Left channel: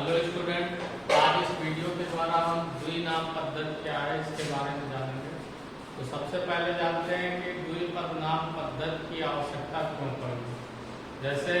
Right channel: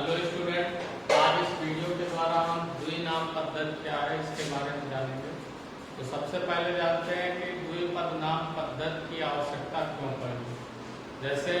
Hello student, आज इस video के द्वारा हम द्विनाम पद्धति क्या है इसके बारे में जानेंगे। तो सबसे पहले जानते हैं कि द्विपदनाम पद्धति की आवश्यकता क्यों पड़ी। जैसे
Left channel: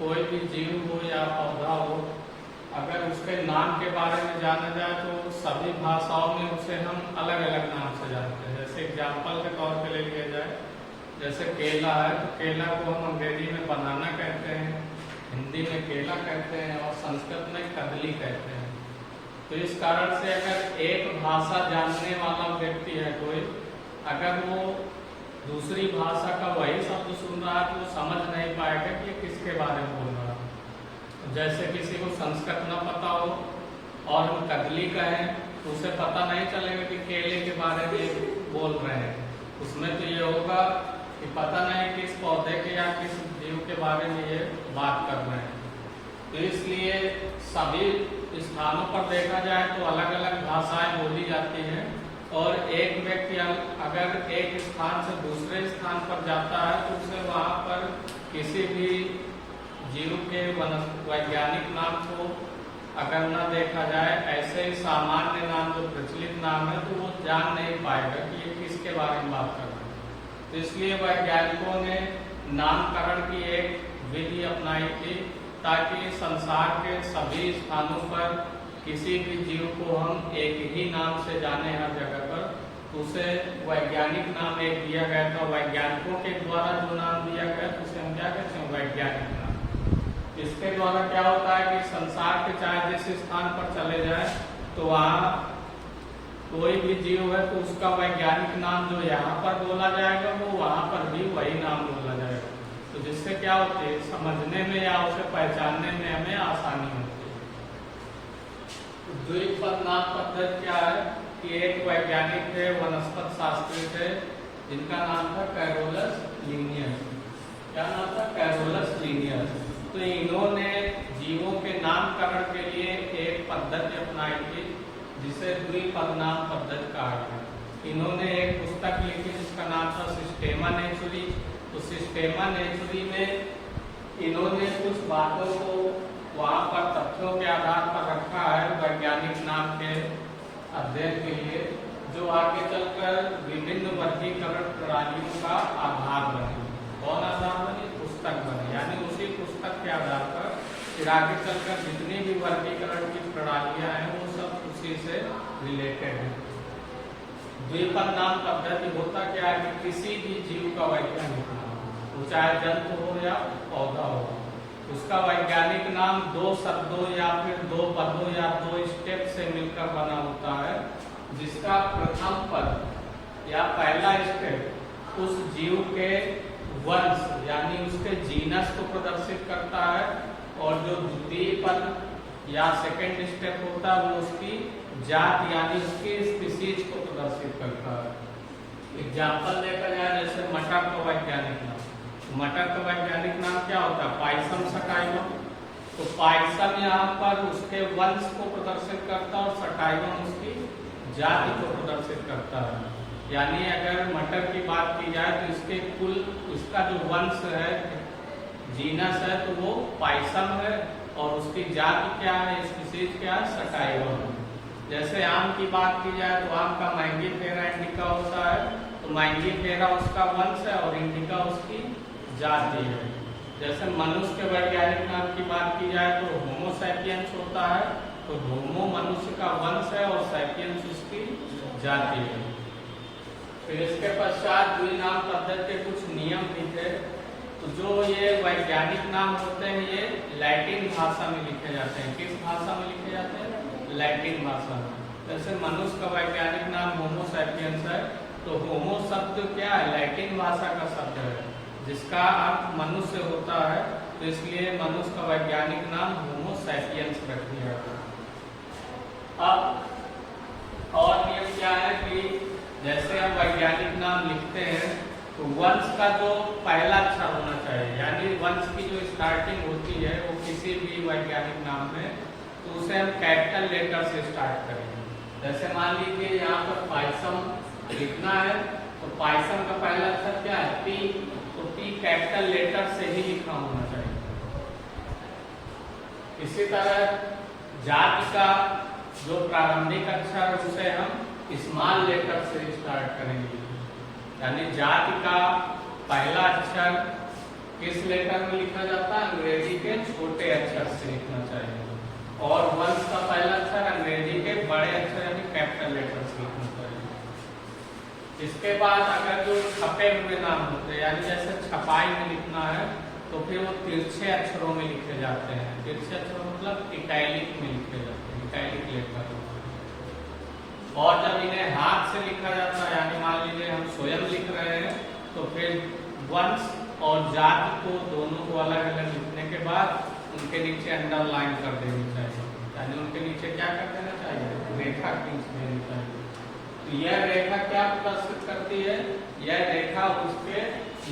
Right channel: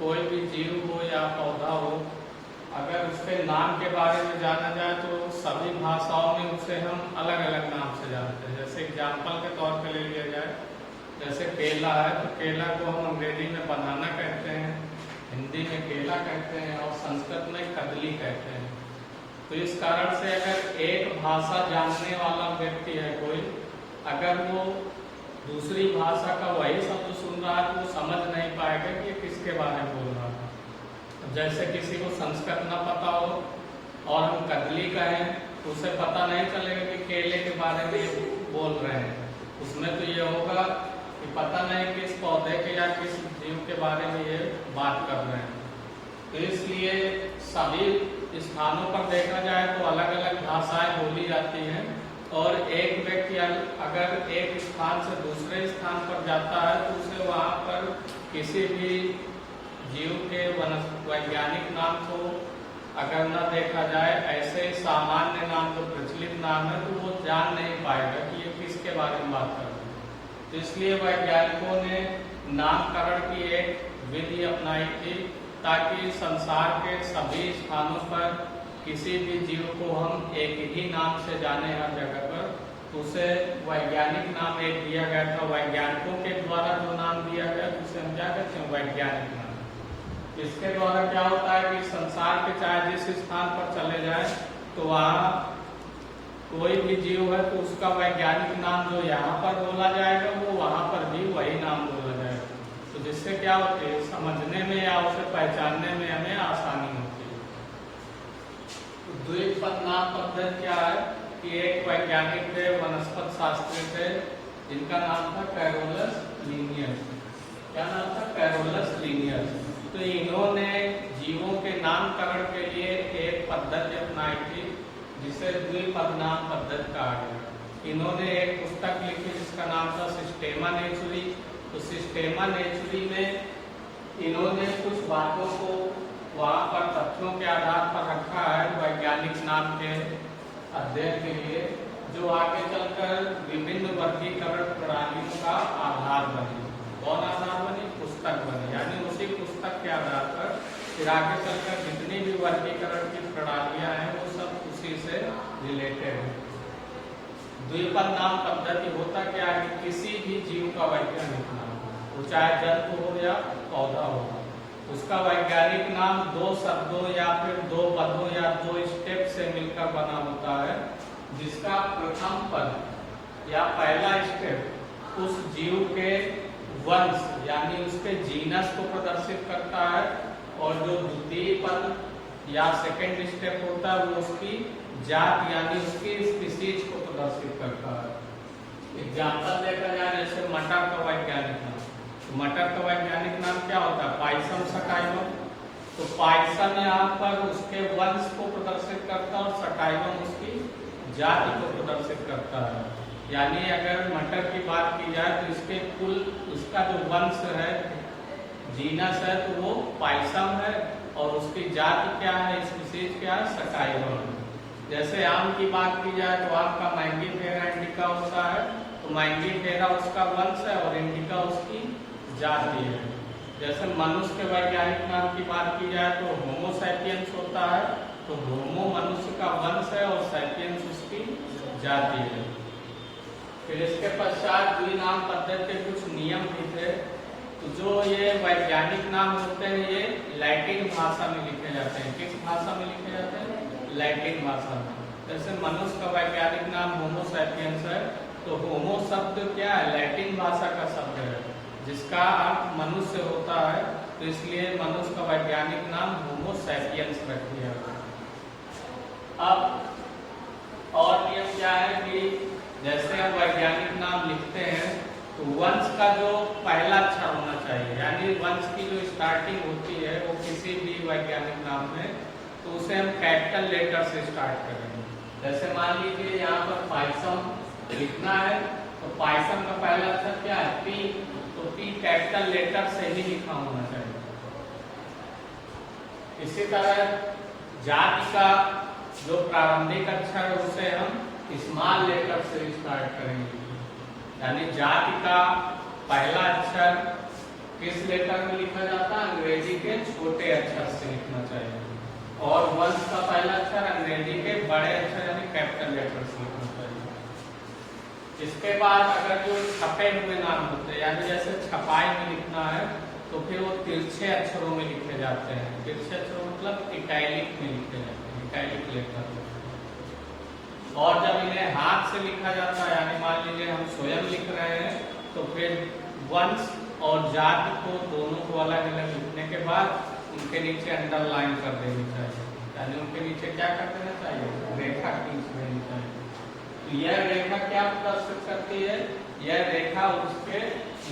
कोई भी जीव हो या पौधा हो, अगर उसके नाम के बारे में जाना जाए तो सभी भाषाओं में उसे हम अलग अलग नाम से जानते हैं। जैसे एग्जाम्पल के तौर पर ले लिया जाए, जैसे केला है तो केला को हम अंग्रेजी में बनाना कहते हैं, हिंदी में केला कहते हैं और संस्कृत में कदली कहते हैं। तो इस कारण से अगर एक भाषा जानने वाला व्यक्ति है कोई, अगर वो दूसरी भाषा का वही शब्द सुन रहा है तो वो समझ नहीं पाएगा कि किसके बारे में बोल रहा है। जैसे किसी को संस्कृत न पता हो और हम कदली कहें तो उसे पता नहीं चलेगा कि केले के बारे में बोल रहे हैं। उसमें तो ये होगा कि पता नहीं किस पौधे के या किस जीव के बारे में ये बात कर रहे हैं। तो इसलिए सभी स्थानों पर देखा जाए तो अलग अलग भाषाएं बोली जाती हैं और एक व्यक्ति अगर एक स्थान से दूसरे स्थान पर जाता है तो उसे वहां पर किसी भी जीव के वैज्ञानिक नाम को अगर न देखा जाए, ऐसे सामान्य नाम जो प्रचलित नाम है तो वो जान नहीं पाएगा कि ये किसके बारे में बात कर रहे हैं। तो इसलिए वैज्ञानिकों ने नामकरण की एक विधि अपनाई थी ताकि संसार के सभी स्थानों पर किसी भी जीव को हम एक ही नाम से जाने हर जगह पर। तो उसे वैज्ञानिक नाम एक दिया गया था, वैज्ञानिकों के द्वारा जो नाम दिया गया तो उसे हम क्या कहते हैं, वैज्ञानिक नाम। इसके द्वारा क्या होता है कि संसार के चाहे जिस स्थान पर चले जाए तो वहाँ कोई भी जीव है तो उसका वैज्ञानिक नाम जो यहाँ पर बोला जाएगा वो वहां पर भी वही नाम बोला जाएगा। तो जिससे क्या होती है, समझने में या उसे पहचानने में हमें आसानी होती है। तो द्विपदनाम पद्धति क्या है कि एक वैज्ञानिक थे, वनस्पति शास्त्री थे, जिनका नाम था कैरोलस लीनियस। क्या नाम था? Carolus Linnaeus. तो इन्होंने जीवों के नामकरण के लिए एक पद्धति अपनाई थी जिसे द्विपदनाम पद्धति कहा गया। इन्होंने एक पुस्तक लिखी जिसका नाम था सिस्टेमा नेचुरी। तो सिस्टेमा नेचुरी में इन्होंने कुछ बातों को वहां पर तथ्यों के आधार पर रखा है वैज्ञानिक नाम के अध्ययन के लिए, जो आगे चलकर विभिन्न वर्गीकरण प्रणालियों का आधार बनी। कौन आधार बनी? पुस्तक बनी। यानी उसी पुस्तक के आधार पर फिर आगे चलकर जितनी भी वर्गीकरण की प्रणालियां हैं वो सब उसी से रिलेटेड है। द्विपदनाम पद्धति होता क्या है कि किसी भी जीव का वैज्ञानिक नाम, वो चाहे जंतु हो या पौधा हो, उसका वैज्ञानिक नाम दो शब्दों या फिर दो पदों या दो स्टेप से मिलकर बना होता है, जिसका प्रथम पद या पहला स्टेप उस जीव के वंश यानी उसके जीनस को प्रदर्शित करता है और जो द्वितीय पद या सेकेंड स्टेप होता है वो उसकी जात यानी उसकी स्पीसीज को प्रदर्शित करता है। एग्जाम्पल देखा जाए, जैसे मटर का वैज्ञानिक नाम, मटर का वैज्ञानिक नाम क्या होता है? Pisum sativum. तो पाइसम यहाँ पर उसके वंश को प्रदर्शित करता है और सटाइवम उसकी जाति को प्रदर्शित करता है। यानी अगर मटर की बात की जाए तो इसके कुल उसका जो वंश है, जीनस है, तो वो पाइसम है और उसकी जाति क्या है, स्पीसीज क्या है, सटाइवम है। जैसे आम की बात की जाए तो आम का मैंगीफेरा इंडिका होता है, तो मैंगीफेरा उसका वंश है और इंडिका उसकी जाति है। जैसे मनुष्य के वैज्ञानिक नाम की बात की जाए तो होमो सैपियंस होता है, तो होमो मनुष्य का वंश है और सैपियंस उसकी जाति है। फिर इसके पश्चात द्विनाम पद्धति के कुछ नियम भी थे। तो जो ये वैज्ञानिक नाम होते हैं ये लैटिन भाषा में लिखे जाते हैं। किस भाषा में लिखे जाते हैं? लैटिन भाषा में। जैसे मनुष्य का वैज्ञानिक नाम होमो सैपियंस है, तो होमो शब्द क्या है? लैटिन भाषा का शब्द है जिसका अर्थ मनुष्य होता है, तो इसलिए मनुष्य का वैज्ञानिक नाम होमो सैपियंस रख दिया गया। अब और नियम क्या है कि जैसे हम वैज्ञानिक नाम लिखते हैं तो वंश का जो पहला अक्षर होना चाहिए, यानी वंश की जो स्टार्टिंग होती है वो किसी भी वैज्ञानिक नाम में, तो उसे हम कैपिटल लेटर से स्टार्ट करेंगे। जैसे मान लीजिए यहाँ पर पाइसम लिखना है तो पाइसम का पहला अक्षर क्या है? पी। तो पी कैपिटल लेटर से ही लिखा होना चाहिए। इसी तरह जाति का जो प्रारंभिक अक्षर है उसे हम स्मॉल लेटर से स्टार्ट करेंगे। यानी जाति का पहला अक्षर किस लेटर में लिखा जाता है? अंग्रेजी के छोटे अक्षर से लिखना चाहिए। और वंश का पहला अक्षर अंग्रेजी के बड़े अक्षर यानी कैपिटल लेटर से लिखना चाहिए। इसके बाद अगर जो छपे हुए नाम होते हैं, यानी जैसे छपाई में लिखना है तो फिर वो तिरछे अक्षरों में लिखे जाते हैं। तिरछे अक्षरों मतलब इटैलिक में लिखे जाते हैं, इटैलिक लेटर। और जब इन्हें हाथ से लिखा जाता है, यानी मान लीजिए हम स्वयं लिख रहे हैं, तो फिर वंश और जाति को दोनों को अलग अलग लिखने के बाद उनके नीचे अंडरलाइन कर देनी चाहिए। यानी उनके नीचे क्या कर देना चाहिए? रेखा खींच देनी चाहिए। तो यह रेखा क्या प्रदर्शित करती है? यह रेखा उसके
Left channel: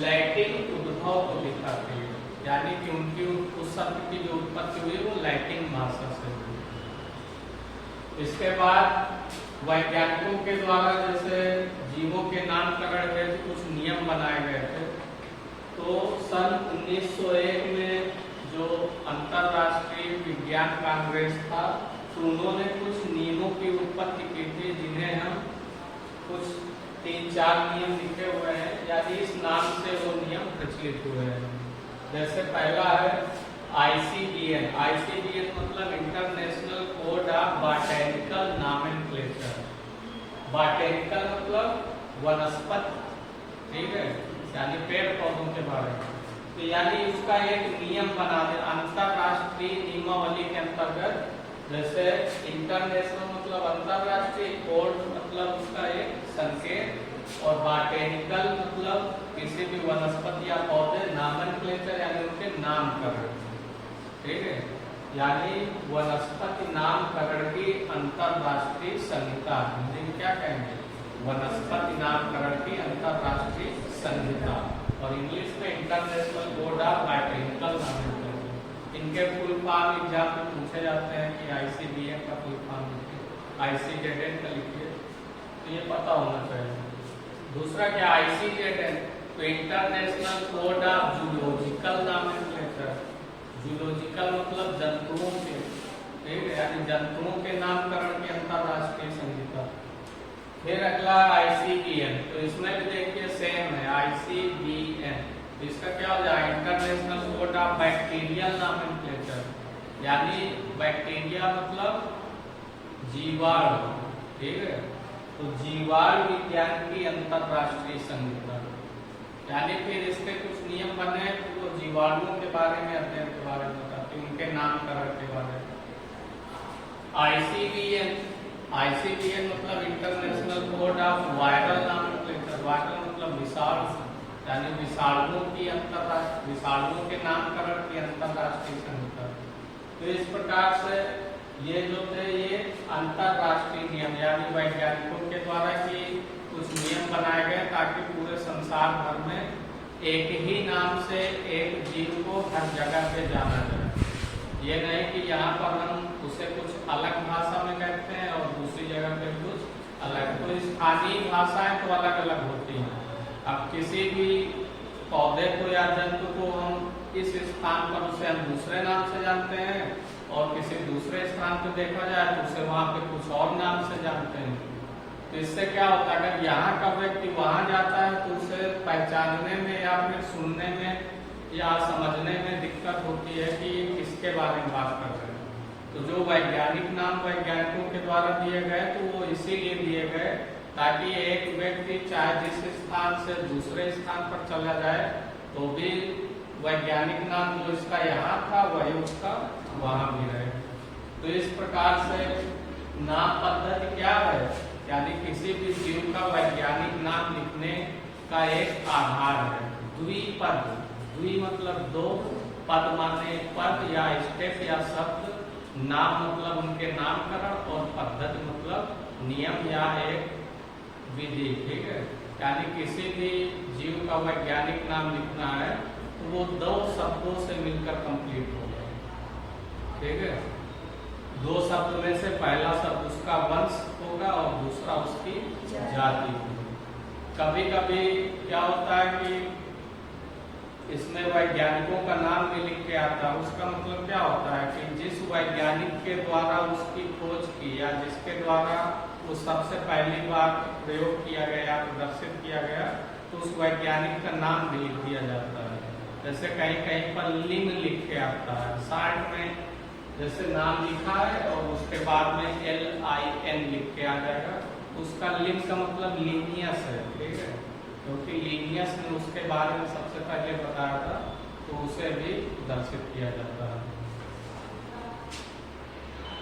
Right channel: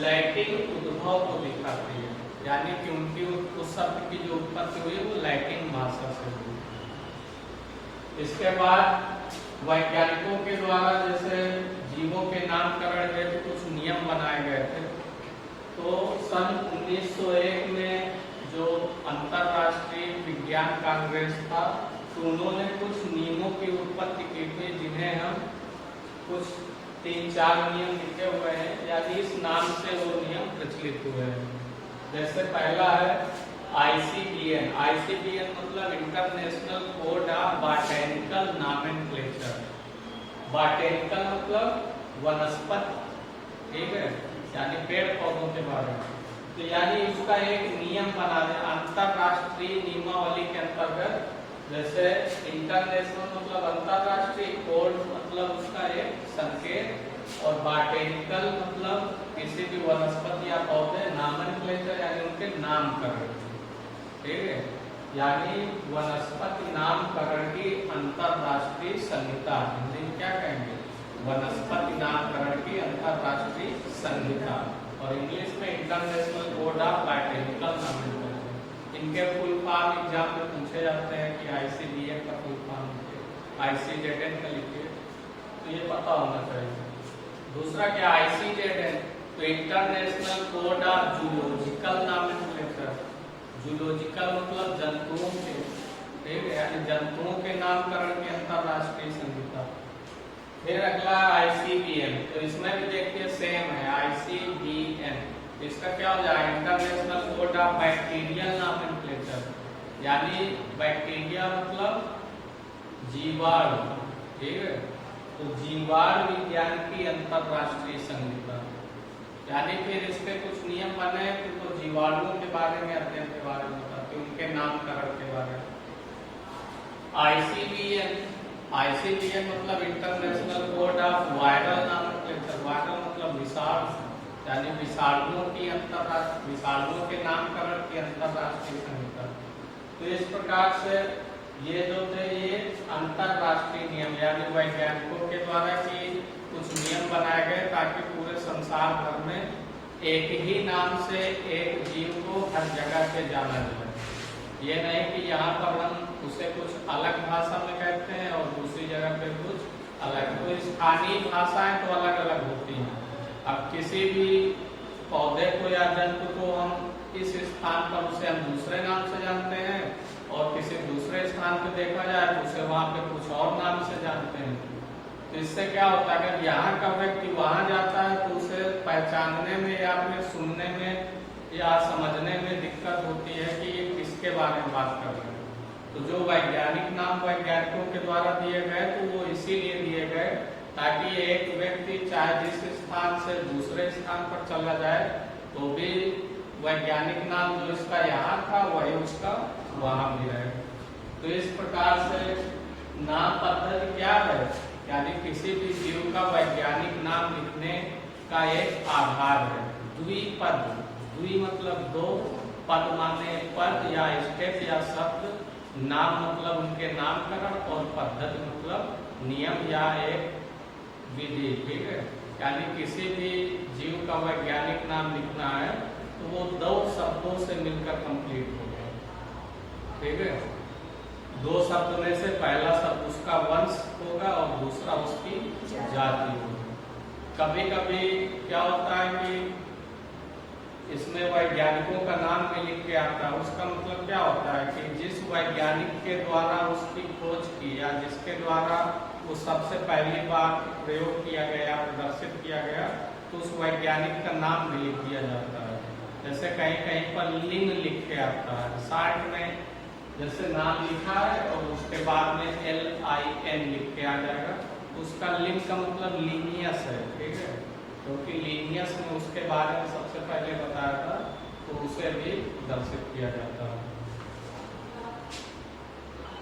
लैटिन उद्भव को दिखाती है। यानी कि उनकी उस शब्द की जो उत्पत्ति हुई वो लैटिन भाषा से हुई। इसके बाद वैज्ञानिकों के द्वारा जैसे जीवों के नामकरण के कुछ नियम बनाए गए थे। तो सन 1901 में जो अंतरराष्ट्रीय विज्ञान कांग्रेस था, तो उन्होंने कुछ नियमों की उत्पत्ति की थी, जिन्हें हम कुछ 3-4 नियम लिखे हुए हैं। यानी इस नाम से वो नियम प्रचलित हुए हैं। जैसे पहला है ICBN। ICBN मतलब international code of botanical nomenclature. Botanical मतलब वनस्पति, ठीक है, यानी पेड़ पौधों के बारे में। तो यानी उसका एक नियम बना दे अंतरराष्ट्रीय नियमावली के अंतर्गत। जैसे इंटरनेशनल मतलब अंतरराष्ट्रीय, कोड मतलब उसका एक संकेत, और बॉटैनिकल मतलब किसी भी वनस्पति या पौधे, नॉमेनक्लेचर यानी उनके नामकरण, ठीक है, यानी वनस्पति नामकरण की अंतरराष्ट्रीय संहिता। हिंदी में क्या कहेंगे? वनस्पति नामकरण की अंतरराष्ट्रीय संहिता। और इंग्लिश में international code of botanical nomenclature. इनके फुल फॉर्म एग्जाम में पूछे जाते हैं कि ICBN का फुल फॉर्म लिखिए, ICZN का लिखिए, तो ये पता होना चाहिए। दूसरा क्या? ICZN तो international code of zoological nomenclature. Zoological मतलब जंतुओं के, ठीक है, यानी जंतुओं के नामकरण की अंतरराष्ट्रीय संहिता। फिर अगला ICBN, तो इसमें भी देखिए सेम है ICBN। इसका क्या हो जाएगा? International code of bacterial nomenclature. यानी बैक्टीरिया मतलब जीवाणु, ठीक है, तो जीवाणु विज्ञान की अंतरराष्ट्रीय संहिता। यानी फिर इसके कुछ नियम बने, तो जीवाणुओं के बारे में, अध्ययन के बारे में बताते, उनके नामकरण के बारे में। ICBN मतलब international code of viral nomenclature. Viral मतलब विषाणु, यानी विषाणुओं के नामकरण की अंतरराष्ट्रीय संहिता। तो इस प्रकार से ये जो थे ये अंतरराष्ट्रीय नियम, यानी वैज्ञानिकों के द्वारा ही कुछ नियम बनाए गए ताकि पूरे संसार भर में एक ही नाम से एक जीव को हर जगह पे जाना जाए। ये नहीं कि यहाँ पर हम उसे कुछ अलग भाषा में कहते हैं और दूसरी जगह पे कुछ अलग। तो स्थानीय भाषाएं तो अलग अलग होती हैं। अब किसी भी पौधे को या जंतु को हम इस स्थान पर उसे हम दूसरे नाम से जानते हैं, और किसी दूसरे स्थान पे देखा जाए तो उसे वहाँ पे कुछ और नाम से जानते हैं। तो इससे क्या होता है? अगर यहाँ का व्यक्ति वहां जाता है तो उसे पहचानने में या फिर सुनने में या समझने में दिक्कत होती है कि ये किसके बारे में बात कर रहे हैं। तो जो वैज्ञानिक नाम वैज्ञानिकों के द्वारा दिए गए तो वो इसीलिए दिए गए ताकि एक व्यक्ति चाहे जिस स्थान से दूसरे स्थान पर चला जाए तो भी वैज्ञानिक नाम जो इसका यहाँ था वही उसका वहां भी रहे। तो इस प्रकार से नाम पद्धति क्या है? यानी किसी भी जीव का वैज्ञानिक नाम लिखने का एक आधार है। द्विपद, द्वि मतलब दो, पद माने पद या स्टेप या शब्द, नाम मतलब उनके नामकरण, और पद्धति मतलब नियम या एक विधि, ठीक है। यानी किसी भी जीव का वैज्ञानिक नाम लिखना है तो वो दो शब्दों से मिलकर कंप्लीट होगा, ठीक है। दो शब्द में से पहला शब्द उसका वंश होगा और दूसरा उसकी जाति होगी। कभी कभी क्या होता है कि इसमें वैज्ञानिकों का नाम भी लिख के आता है। उसका मतलब क्या होता है कि जिस वैज्ञानिक के द्वारा उसकी खोज की या जिसके द्वारा वो सबसे पहली बार प्रयोग किया गया, प्रदर्शित किया गया, तो उस वैज्ञानिक का नाम भी लिख दिया जाता है। जैसे कहीं कहीं पर लिंग लिख के आता है, साइड में जैसे नाम लिखा है और उसके बाद में LIN लिख के आ जाएगा, उसका लिंग का मतलब लीनियस है, ठीक है, क्योंकि लीनियस ने उसके बारे में सबसे पहले बताया था, तो उसे भी दर्शित किया जाता है।